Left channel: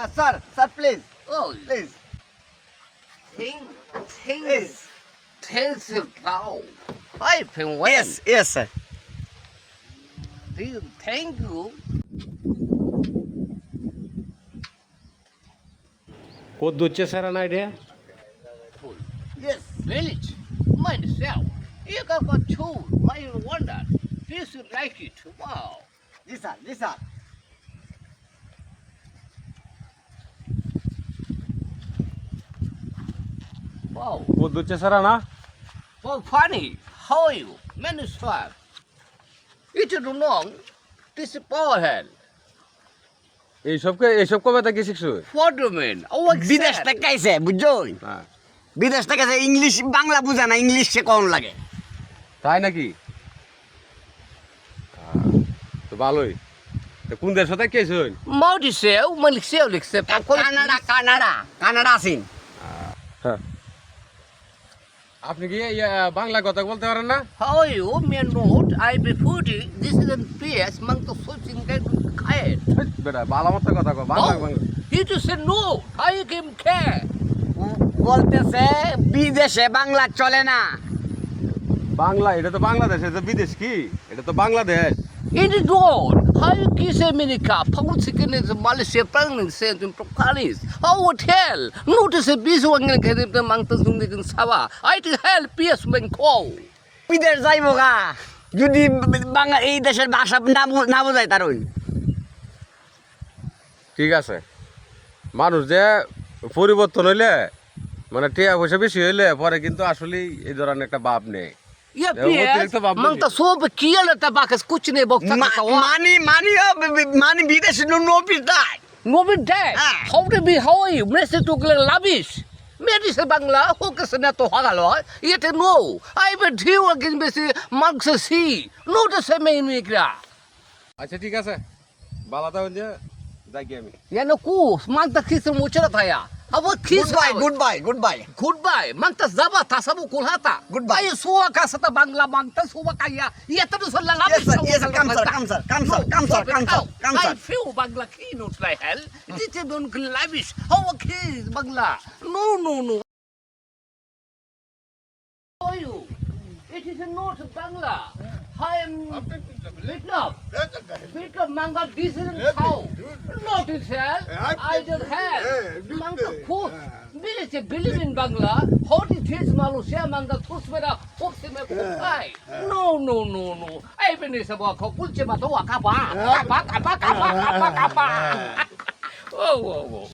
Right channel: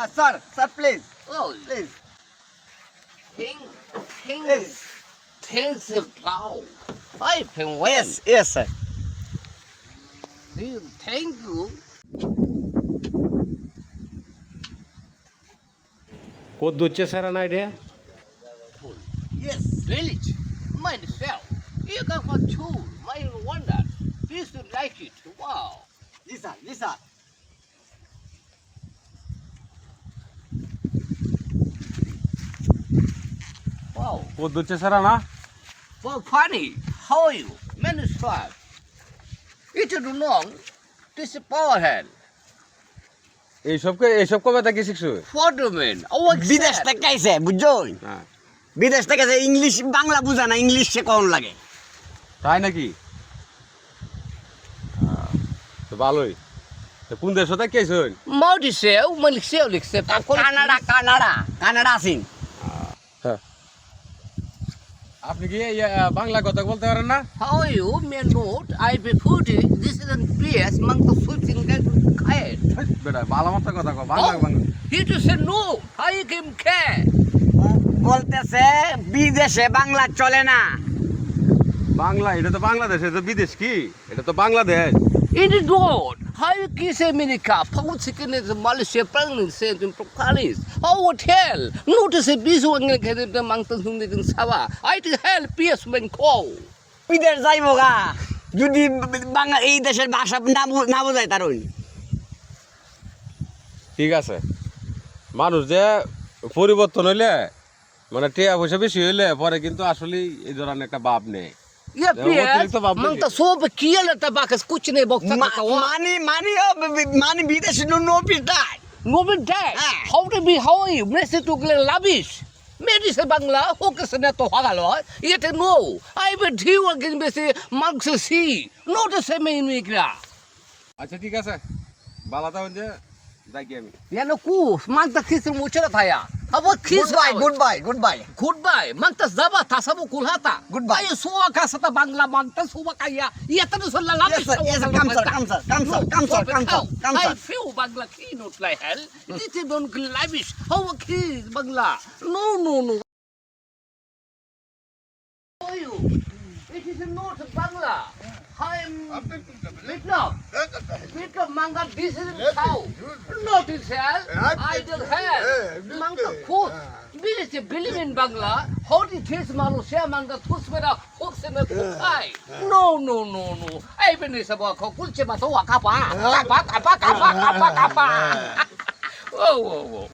Uh, sir, sir, please, Oh, please, King, King, please. Tens of Plow. I can win. Yes, yes, sir. Thank you. কত হচ্ছে sir না idea Yes. Village, myself. You got my tool, my wonder. This you like it. Wow. Yes, sir, yes, sir. Wow. কত হচ্ছে sir না Well, funny. How are you? Many swag. It is long. This is power hand. এইসবকে এইসব কবে থেকে শিখছো Waterman. Oh, বিদেশ থেকে আইছে বুঝছ হ্যাঁ বিদেশ থেকে আইছে ইংলিশ বাংলা বুঝা না ইংলিশ সে কোন লাগে তাই নাকি আহ, তো ভালোই তো কোন দেশ থেকে Maudi sale, Malik sale, except Canada Canada Canada আছেন আপনি কি ইয়ে, বাংলা কথা বলতে পারেন না? How you man not I be foodie this is an PS মাং তো সুইপিং খায় বেটা বাংলা মত কথা কো Bangla Bangla. He to say no I Kim খে বলতেছে বিদেশে বাংলা চলে না। বাংলা এটা তো বাংলাদেশ এটা বিদেশ কি? এটা তো Bangladesh. It is not 5kg America, Pongsikin is Malaysia, Pangsin, Procalis. How would hell? Notice if this one can get the mountains in Sawa. I'd help PS Menko. Peter Zaimoga. যদি বাংলা এই দেশের ভাষা না না বোঝায় তারুণ ঠিক আছে মানুষ যে পরিবর্তন হইলে মানে টিয়া পয়সা বেশি হইলে পরে কিন্তু আসলেই এই ধরনের একটা ভাব নেই Yeah, Yeah, what PS. the hell Mang to so be kill at the back as kuch ne box. Money money money বিদেশে নো পিটাই No be dead. Ah. How to be how are you? Message to Glen Lavish. Maybe say Bangla, focus on to Hagalo. Yet no. I bet he again be say Monks see. No the same in Migra. আচ্ছা ঠিক আছে Balata হচ্ছে যাই কি আমি Yan ku, mang ta kiss mo अबो kiss bye good bye good bye good bye मग तो जबा था सब बुकुल हाता गुड बाय सुवा कसा तर बांगला मागता सुवा काय या। येता दुसरला लाभ येस सर येस काम सर काम सर काम सर काम सर काम सर काम सर फिव बांगला की नोटलाय हेल तिथे दोन लाविश हो वो खिस Bangla no no no OYO it is a not Bangla हा It Vietnam. Vietnam manga this is how. Not in hell. I don't have. Manga cool. Village believe in Bangla. How did kids Malaysia manga thus mera hook se kukai. No, no, no, no. I been is about kulche mato kapa. Kapa, kapa, kapa, kapa, kapa. Oh, oh, oh.